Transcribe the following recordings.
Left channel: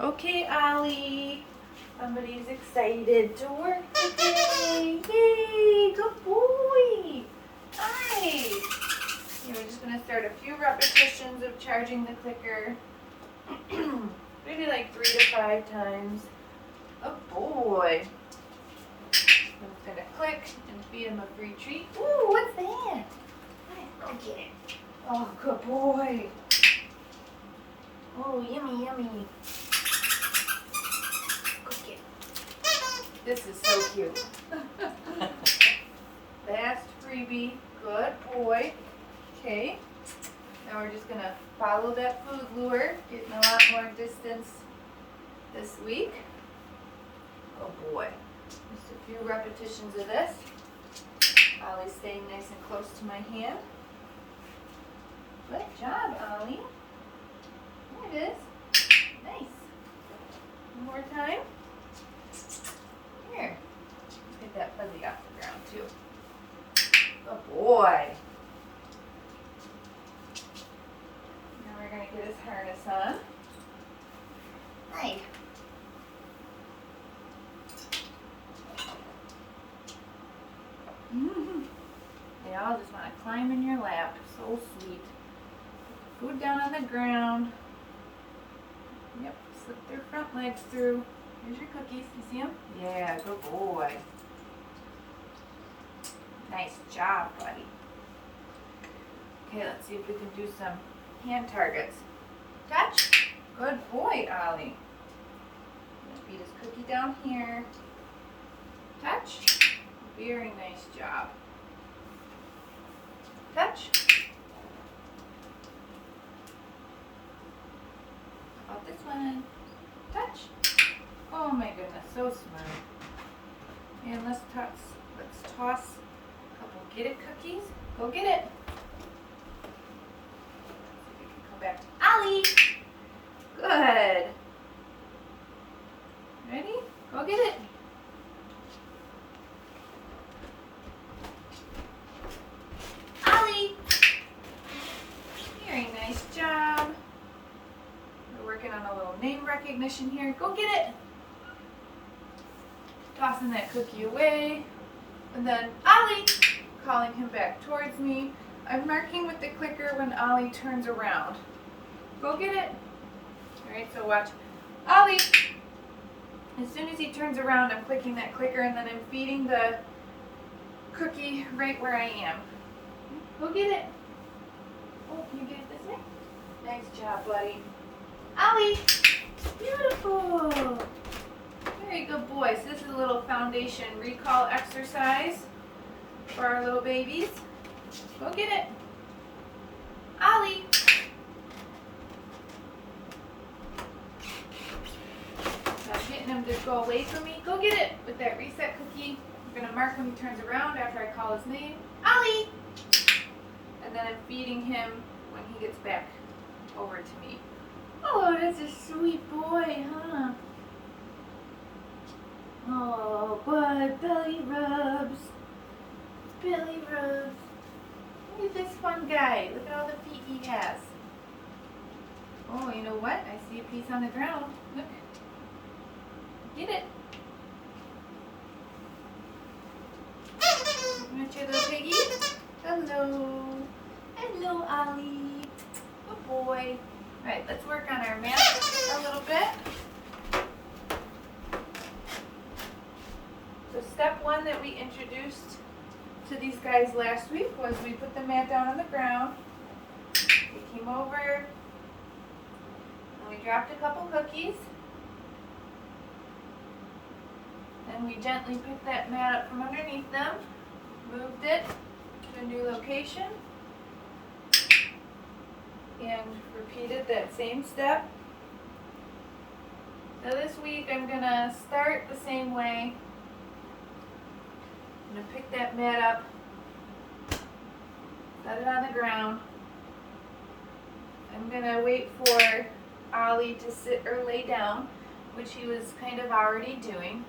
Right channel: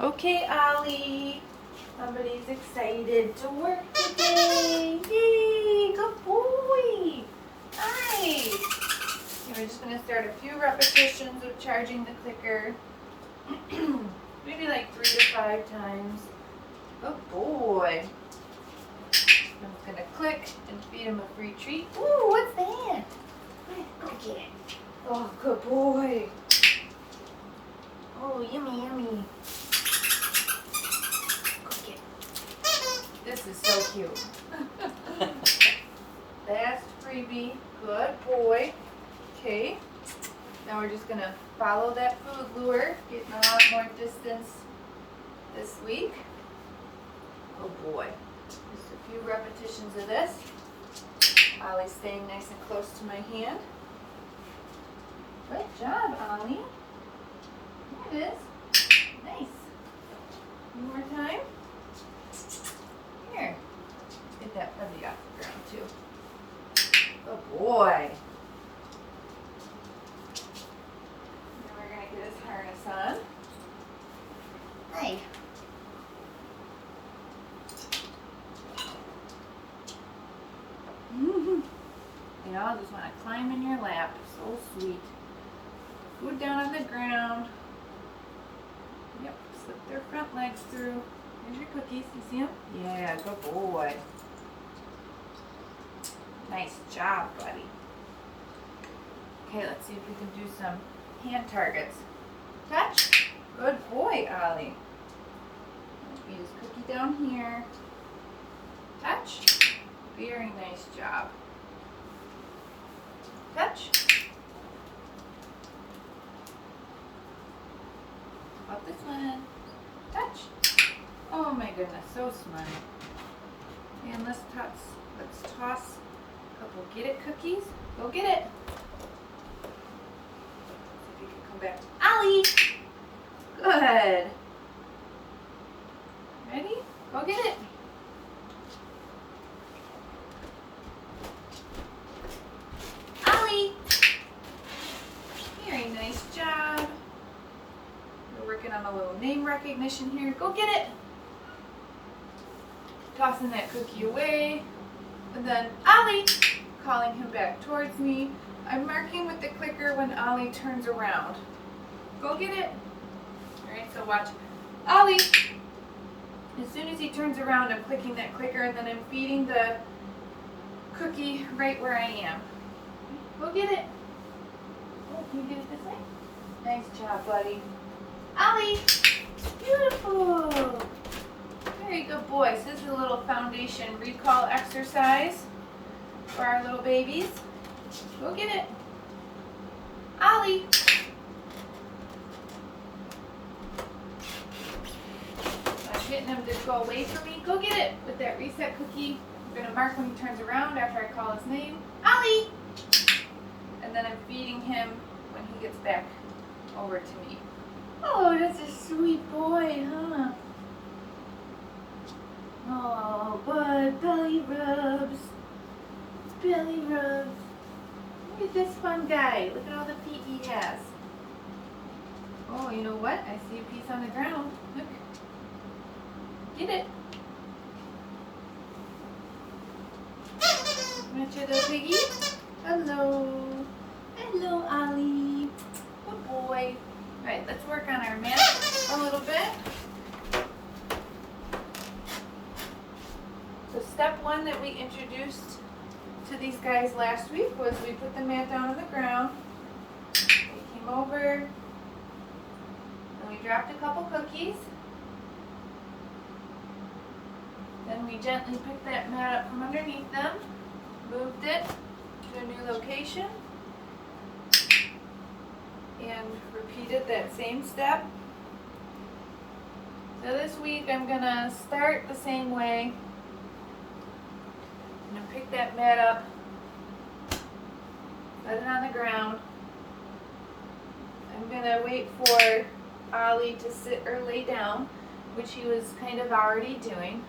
Okay, Ollie. Somebody's excited to work today. Yay, good boy. Nice. We're just going to start a few repetitions of charging the clicker. Maybe like 3 to 5 times. Good boy. I'm just going to click and feed him a free treat. Ooh, what's that? Go get it. Oh, good boy. Oh, yummy, yummy. Go get it. This is so cute. Last freebie. Good boy. Okay. Now we're just going to follow that food lure. Getting a lot more distance this week. Oh boy. Just a few repetitions of this. Ollie's staying nice and close to my hand. Good job, Ollie. There it is. Nice. One more time. Here. Let's get that fuzzy off the ground too. Good boy. Now we're going to get his harness on. Nice. They all just want to climb in your lap. So sweet. Food down on the ground. Yep, slip their front legs through. Here's your cookies. You see them? Yeah, good boy. Nice job, buddy. Okay, let's see if we can do some hand targets. Touch. Good boy, Ollie. I'm going to feed his cookie down here. Touch. Very nice job. Touch. How about this one? Touch. Oh my goodness, so smart. And let's toss a couple get it cookies. Go get it. See if you can come back. Ollie! Good. Ready? Go get it. Ollie! Very nice job. We're working on a little name recognition here. Go get it. Tossing that cookie away. And then Ollie, calling him back towards me. I'm marking with the clicker when Ollie turns around. Go get it. Alright, so watch. Ollie, as soon as he turns around, I'm clicking that clicker and then I'm feeding the cookie right where I am. Go get it. Oh, can you get it this way? Nice job, buddy. Ollie, beautiful. Very good boy. So this is a little foundation recall exercise for our little babies. Go get it. Ollie. I'm getting him to go away from me. Go get it with that reset cookie. I'm going to mark when he turns around after I call his name. Ollie. And then I'm feeding him when he gets back over to me. Oh, that's a sweet boy, huh? Oh, bud, belly rubs. Belly rubs. Look at this fun guy. Look at all the feet he has. Oh, you know what? I see a piece on the ground. Look. Get it. Want your little piggy? Hello. Hello, Ollie. Good boy. Alright, let's work on our mat a little bit. So step 1 that we introduced to these guys last week was we put the mat down on the ground. We came over and we dropped a couple cookies. Then we gently picked that mat up from underneath them, moved it to a new location, and repeated that same step. So this week I'm going to start the same way. I'm going to pick that mat up, set it on the ground. I'm going to wait for Ollie to sit or lay down, which he was kind of already doing.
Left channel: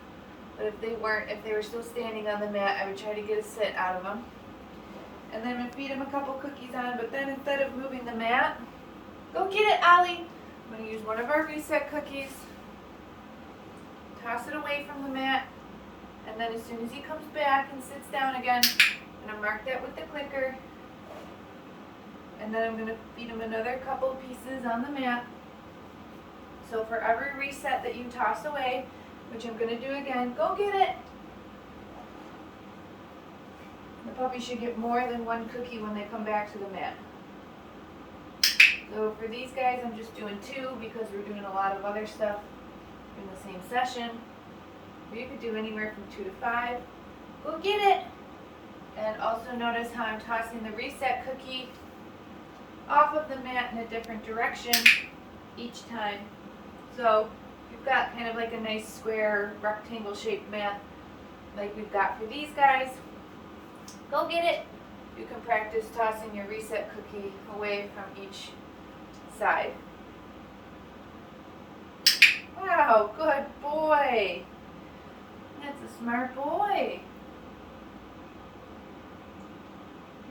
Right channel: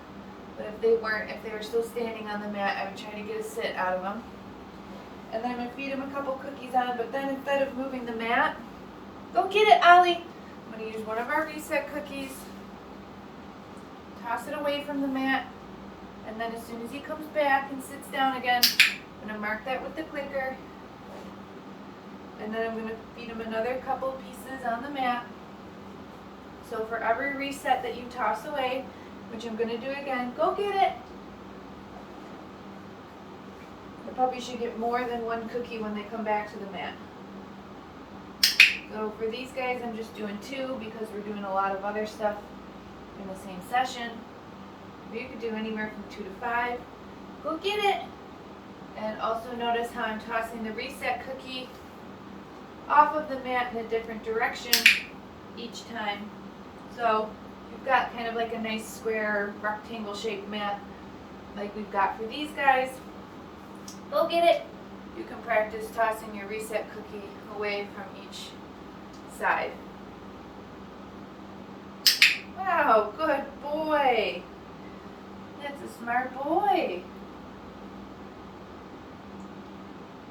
But if they were still standing on the mat, I would try to get a sit out of them. And then I'm going to feed him a couple cookies on, but then instead of moving the mat, go get it, Ollie. I'm going to use one of our reset cookies toss it away from the mat. And then as soon as he comes back and sits down again, I'm going to mark that with the clicker. And then I'm going to feed him another couple pieces on the mat. So for every reset that you toss away, which I'm going to do again, go get it. The puppy should get more than one cookie when they come back to the mat. So for these guys, I'm just doing 2 because we're doing a lot of other stuff in the same session. You could do anywhere from 2 to 5. Go get it. And also notice how I'm tossing the reset cookie off of the mat in a different direction each time. So you've got kind of like a nice square rectangle shaped mat like we've got for these guys. Go get it. You can practice tossing your reset cookie away from each side. Wow, good boy. That's a smart boy.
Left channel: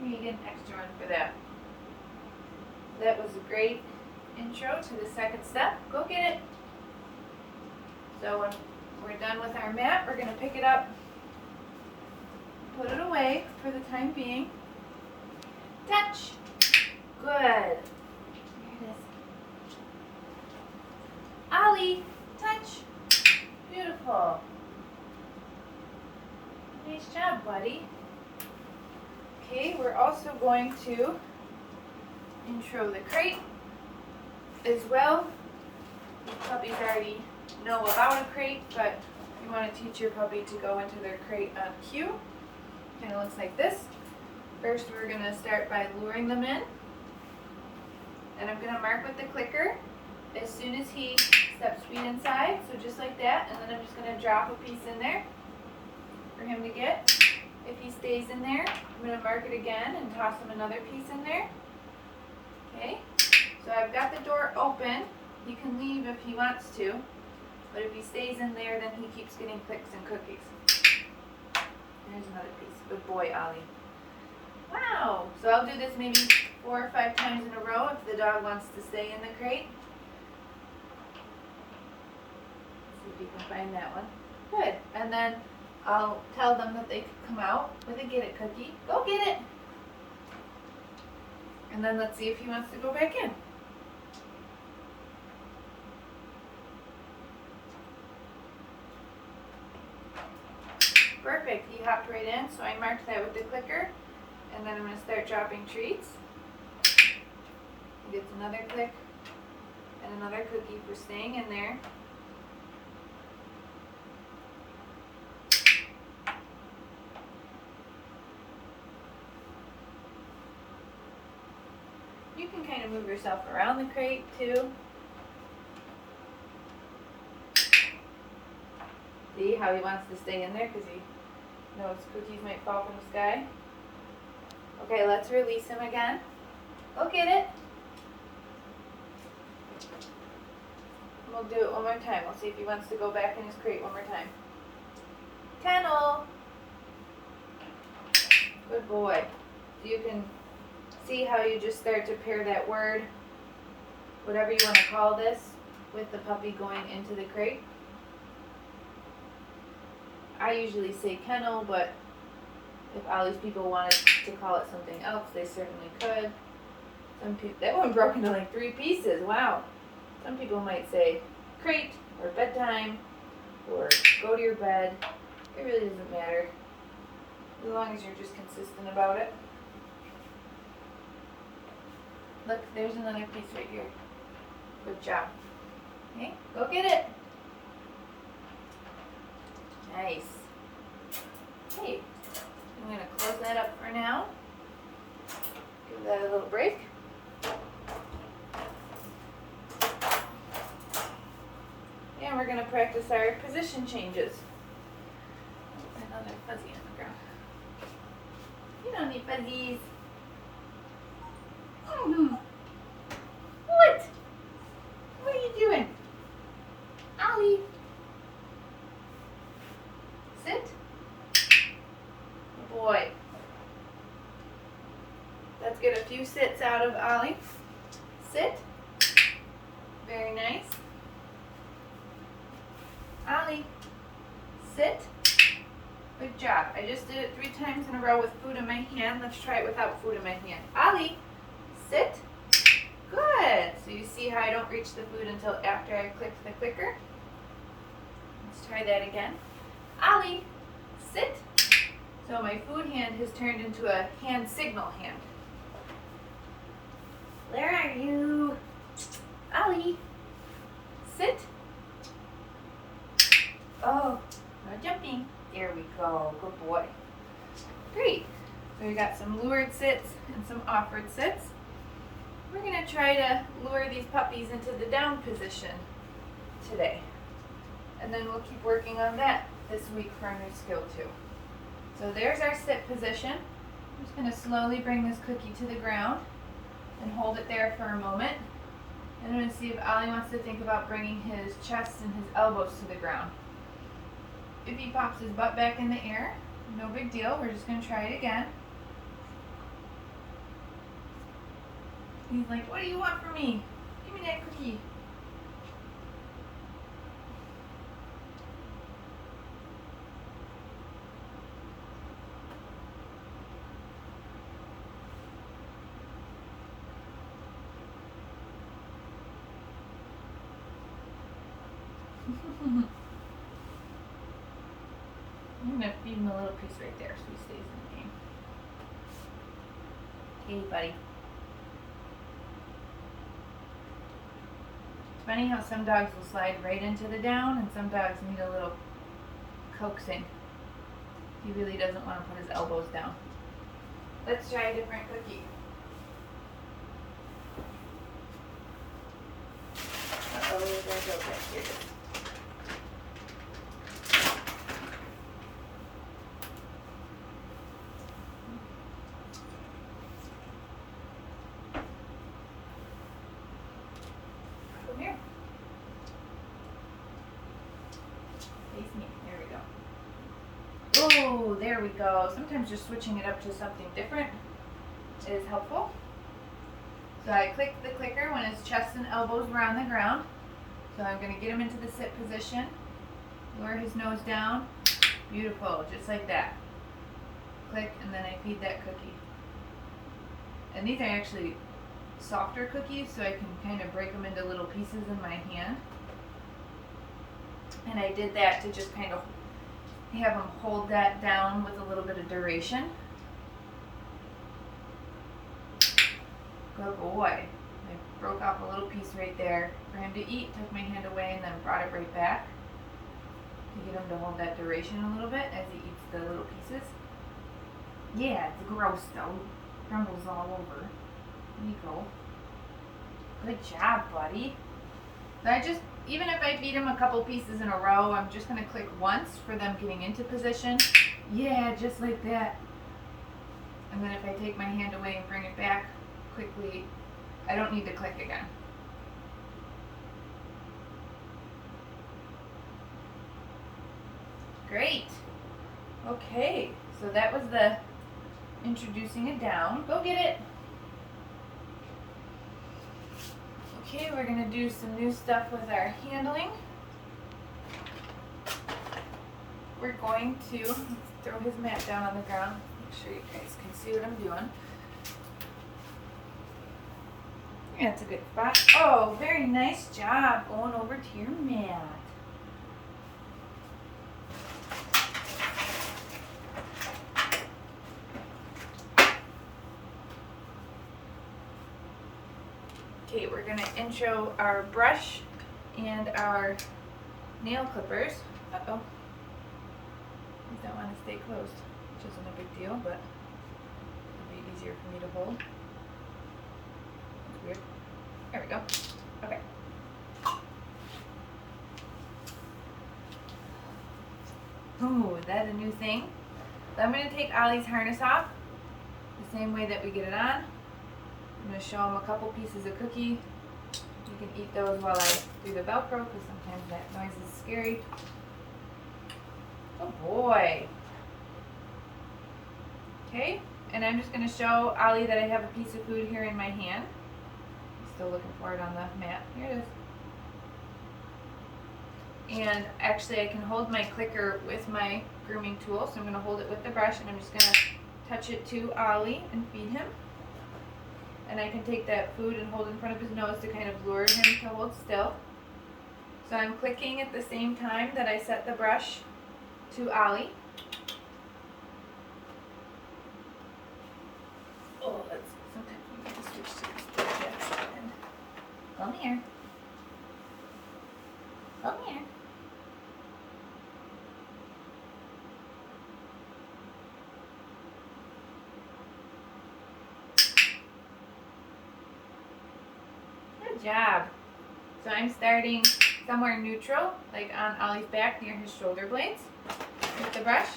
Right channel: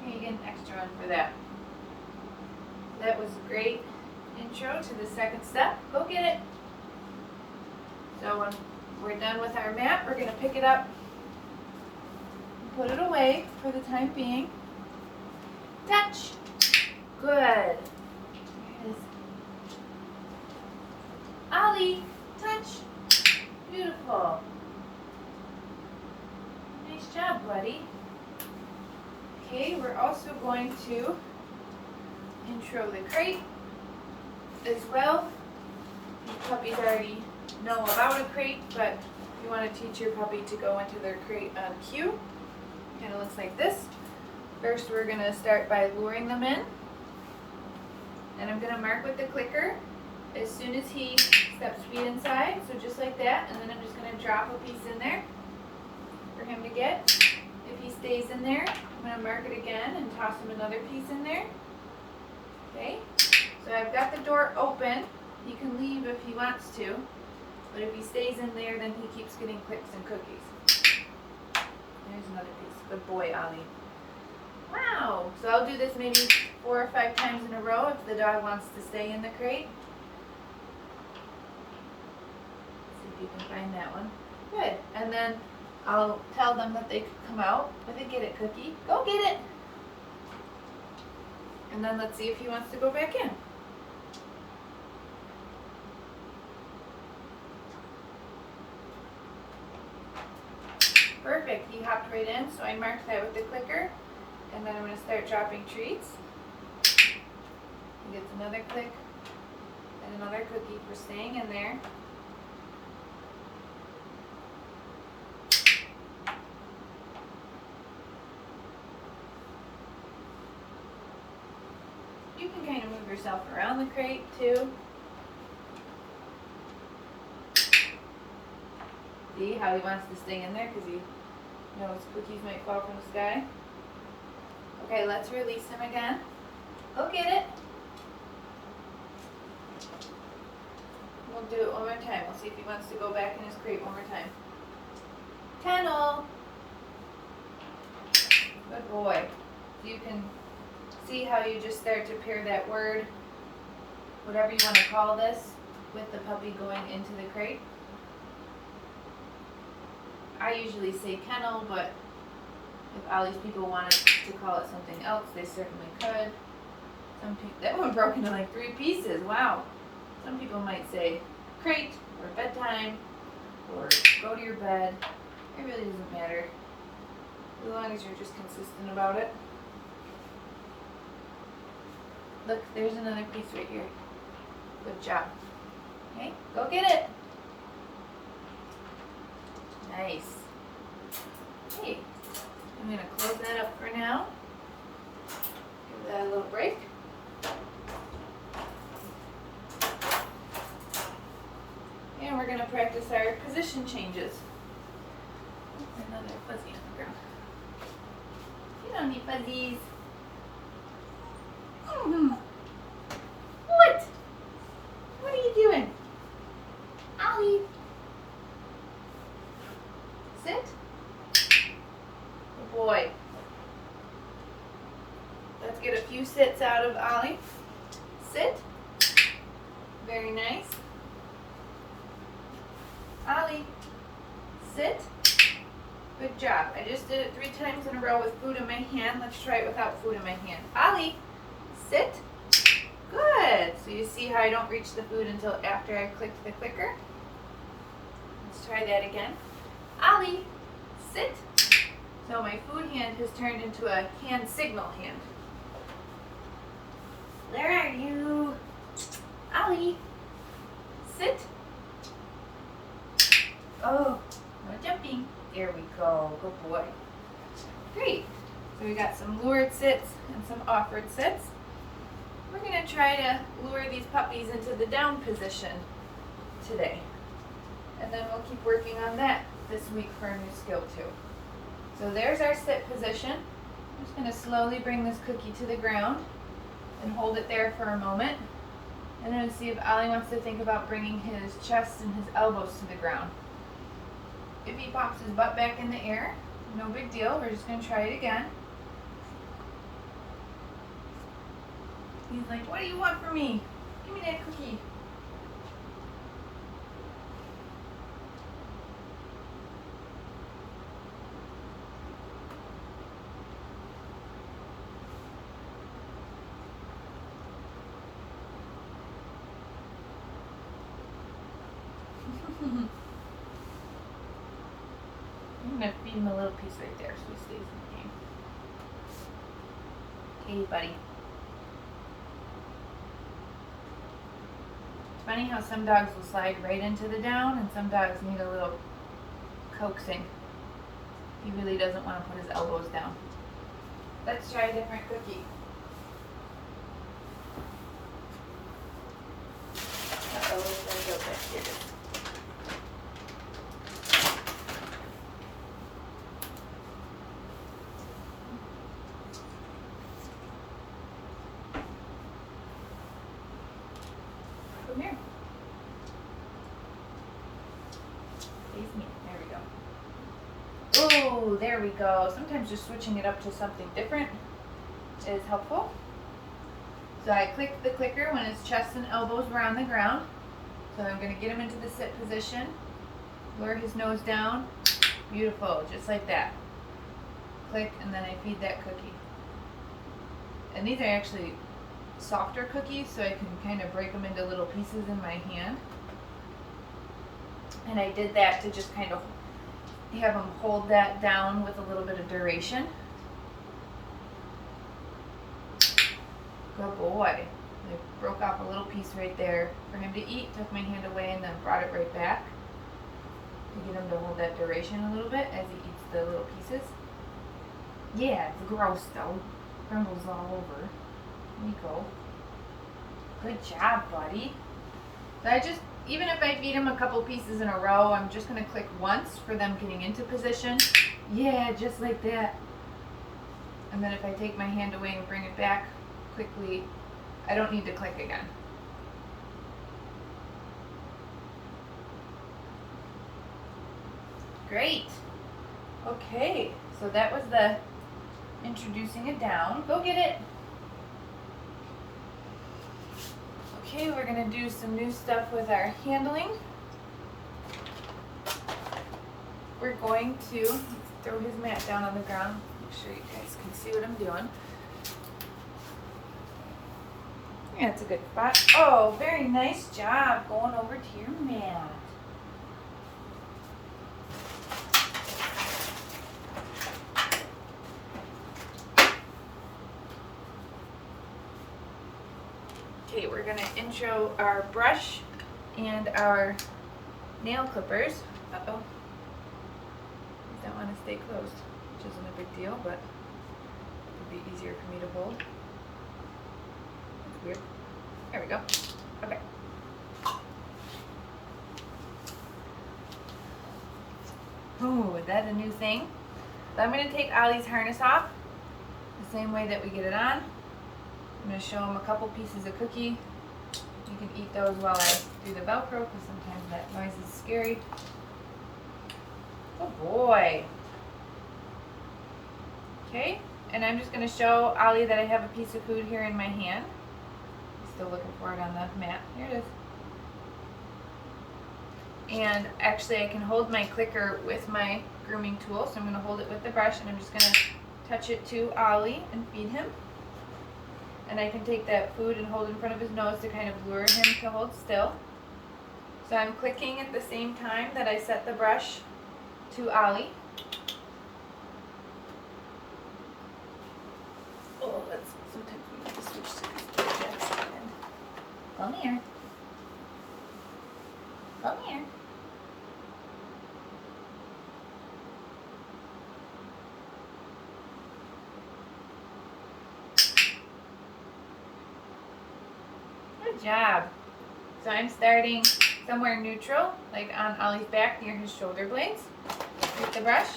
You get an extra one for that. That was a great intro to the second step. Go get it. So when we're done with our mat, we're going to pick it up, put it away for the time being. Touch. Good. There it is. Ollie, touch. Beautiful. Nice job, buddy. Okay, we're also going to intro the crate as well. Puppies already know about a crate, but if you want to teach your puppy to go into their crate on cue, kind of looks like this. First, we're going to start by luring them in, and I'm going to mark with the clicker as soon as he steps feet inside, so just like that, and then I'm just going to drop a piece in there for him to get. If he stays in there, I'm going to mark it again and toss him another piece in there. Okay, so I've got the door open. He can leave if he wants to, but if he stays in there, then he keeps getting clicks and cookies. There's another piece. Good boy, Ollie. Wow. So I'll do this maybe 4 or 5 times in a row if the dog wants to stay in the crate. See if you can find that one. Good. And then I'll tell them that they could come out with a get it cookie. Go get it. And then let's see if he wants to go back in. Perfect, he hopped right in, so I marked that with the clicker, and then I'm going to start dropping treats. He gets another click and another cookie for staying in there. You can kind of move yourself around the crate too. See how he wants to stay in there because he knows cookies might fall from the sky. Okay, let's release him again. Go get it. We'll do it one more time. We'll see if he wants to go back in his crate one more time. Kennel. Good boy. You can see how you just start to pair that word, whatever you want to call this, with the puppy going into the crate. I usually say kennel, but if all these people wanted to call it something else, they certainly could. Some people, that one broke into like 3 pieces. Wow. Some people might say crate or bedtime or go to your bed. It really doesn't matter as long as you're just consistent about it. Look, there's another piece right here. Good job. Okay, go get it. Nice. Okay, I'm going to close that up for now. Give that a little break. And we're going to practice our position changes. Another fuzzy on the ground. You don't need fuzzies. What? What are you doing? Ollie. Sit. Good boy. Let's get a few sits out of Ollie. Sit. Very nice. Ollie. Ollie, sit. Good job. I just did it 3 times in a row with food in my hand. Let's try it without food in my hand. Ollie, sit. Good. So you see how I don't reach the food until after I clicked the clicker? Let's try that again. Ollie, sit. So my food hand has turned into a hand signal hand. Where are you? Ollie, sit. Oh, no jumping. There we go. Good boy. Great. So we got some lured sits and some offered sits. We're going to try to lure these puppies into the down position today. And then we'll keep working on that this week for a new skill too. So there's our sit position. I'm just going to slowly bring this cookie to the ground and hold it there for a moment. And I'm going to see if Ollie wants to think about bringing his chest and his elbows to the ground. If he pops his butt back in the air, no big deal. We're just going to try it again. He's like, what do you want from me? Give me that cookie. I'm going to feed him a little piece right there so he stays in the game. Hey, buddy. It's funny how some dogs will slide right into the down and some dogs need a little coaxing. He really doesn't want to put his elbows down. Let's try a different cookie. Uh-oh, there we go back here. Come here. Face me. There we go. Oh, there we go. Sometimes just switching it up to something different is helpful. So I clicked the clicker when his chest and elbows were on the ground. So I'm going to get him into the sit position. Lower his nose down. Beautiful. Just like that. Click, and then I feed that cookie. And these are actually softer cookies, so I can kind of break them into little pieces in my hand. And I did that to just kind of have them hold that down with a little bit of duration. Good boy. I broke off a little piece right there for him to eat, took my hand away, and then brought it right back to get him to hold that duration a little bit as he eats the little pieces. Yeah, it's gross though. Crumbles all over. Nico. Good job, buddy. So I just, even if I feed him a couple pieces in a row, I'm just going to click once for them getting into position. Yeah, just like that. And then if I take my hand away and bring it back quickly, I don't need to click again. Great. Okay, so that was the introducing it down. Go get it. Okay, we're going to do some new stuff with our handling. We're going to throw his mat down on the ground. Make sure you guys can see what I'm doing. Yeah, it's a good spot. Oh, very nice job going over to your mat. Okay, we're going to intro our brush and our nail clippers. Uh-oh. I don't want to stay closed, which isn't a big deal, but it'll be easier for me to hold. That's weird. There we go. Okay. Ooh, is that a new thing? So I'm going to take Ollie's harness off the same way that we get it on. I'm going to show him a couple pieces of cookie. You can eat those while I do the Velcro because sometimes that noise is scary. Oh boy. Okay, and I'm just going to show Ollie that I have a piece of food here in my hand. I'm still looking for it on the mat. Here it is. And actually I can hold my clicker with my grooming tool, so I'm going to hold it with the brush, and I'm just going to touch it to Ollie and feed him. And I can take that food and hold it in front of his nose to kind of lure him to hold still. So I'm clicking at the same time that I set the brush to Ollie. Oh, let's sometimes we have to switch to the left side. Come here. Come here. Good job. So I'm starting somewhere neutral, like on Ollie's back near his shoulder blades with the brush.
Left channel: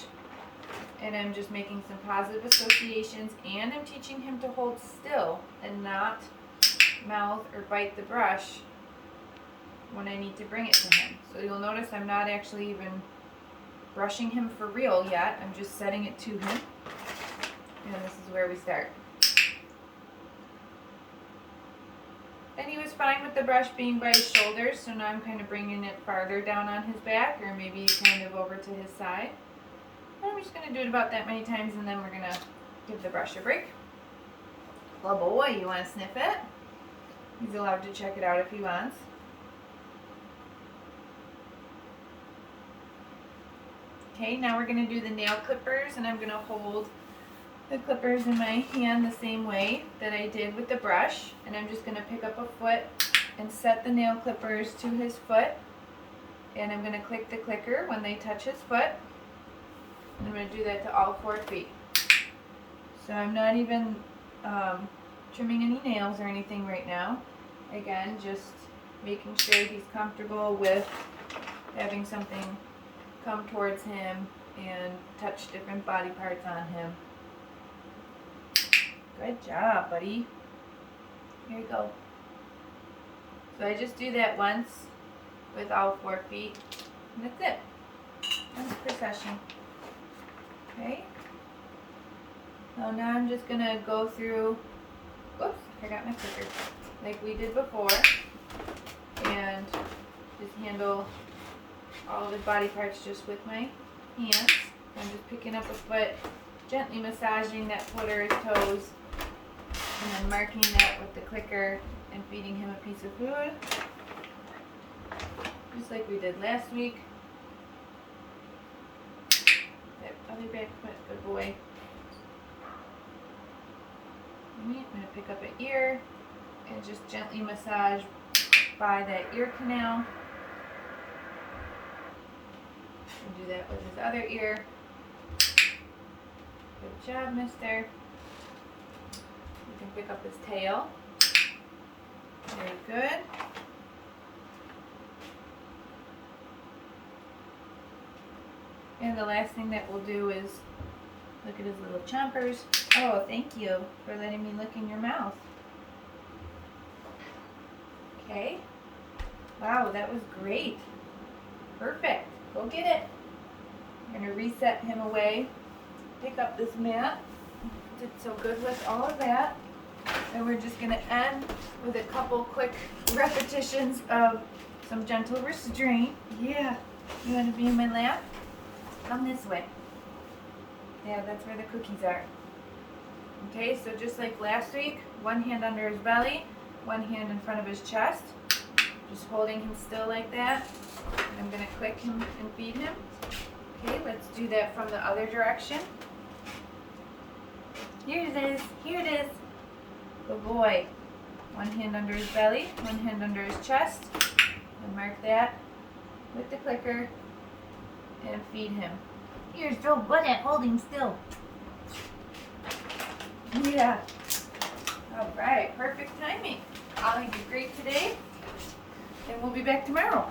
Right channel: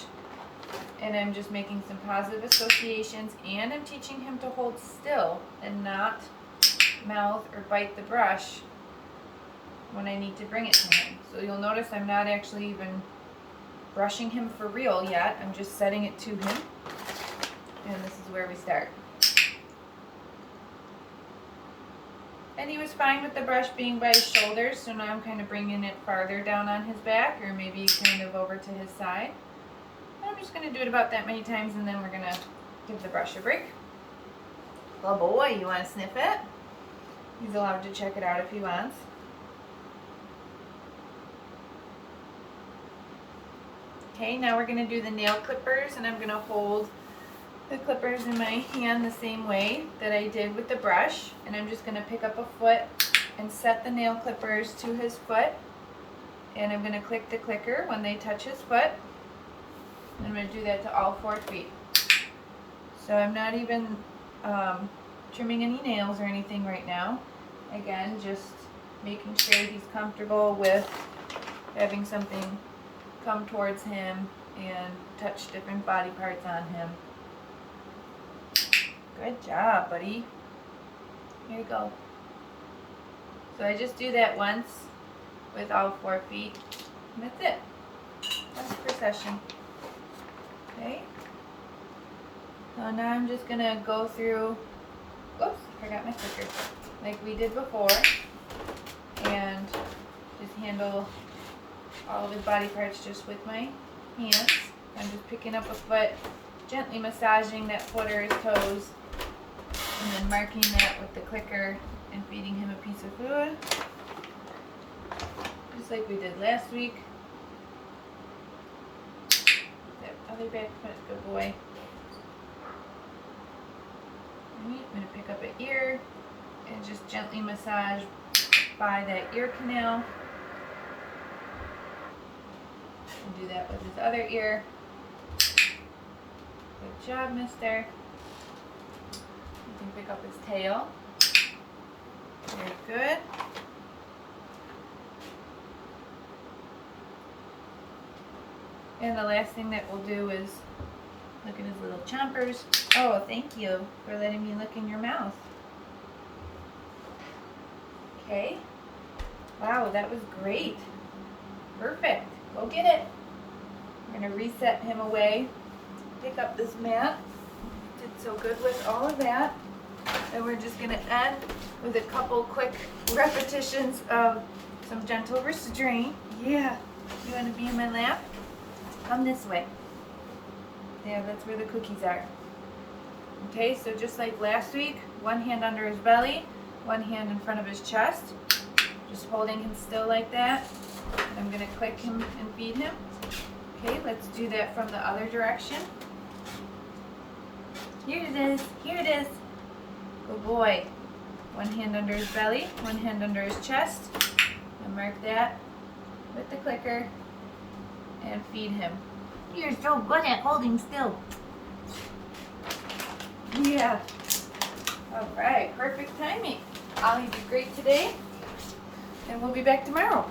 And I'm just making some positive associations, and I'm teaching him to hold still and not mouth or bite the brush when I need to bring it to him. So you'll notice I'm not actually even brushing him for real yet. I'm just setting it to him. And this is where we start. And he was fine with the brush being by his shoulders, so now I'm kind of bringing it farther down on his back, or maybe kind of over to his side. I'm just going to do it about that many times, and then we're going to give the brush a break. Oh boy, you want to sniff it? He's allowed to check it out if he wants. Okay, now we're going to do the nail clippers, and I'm going to hold the clippers in my hand the same way that I did with the brush, and I'm just going to pick up a foot and set the nail clippers to his foot, and I'm going to click the clicker when they touch his foot. I'm going to do that to all 4 feet. So I'm not even trimming any nails or anything right now. Again, just making sure he's comfortable with having something come towards him and touch different body parts on him. Good job, buddy. Here you go. So I just do that once with all 4 feet. And that's it. Once per session. Okay. So now I'm just going to go through, oops, I forgot my clicker, like we did before, and just handle all of his body parts just with my hands. I'm just picking up a foot, gently massaging that foot or his toes, and then marking that with the clicker and feeding him a piece of food, just like we did last week. That other back foot, good boy. I'm going to pick up an ear and just gently massage by that ear canal. And do that with his other ear. Good job, mister. You can pick up his tail. Very good. And the last thing that we'll do is look at his little chompers. Oh, thank you for letting me look in your mouth. Okay. Wow, that was great. Perfect. Go get it. I'm going to reset him away. Pick up this mat. Did so good with all of that. And we're just going to end with a couple quick repetitions of some gentle restraint. Yeah. You want to be in my lap? Come this way. Yeah, that's where the cookies are. Okay, so just like last week, one hand under his belly, one hand in front of his chest. Just holding him still like that. And I'm going to click him and feed him. Okay, let's do that from the other direction. Here it is. Here it is. Good boy. One hand under his belly, one hand under his chest. And mark that with the clicker and feed him. You're so good at holding still. Yeah. All right, perfect timing. Ollie did great today, and we'll be back tomorrow.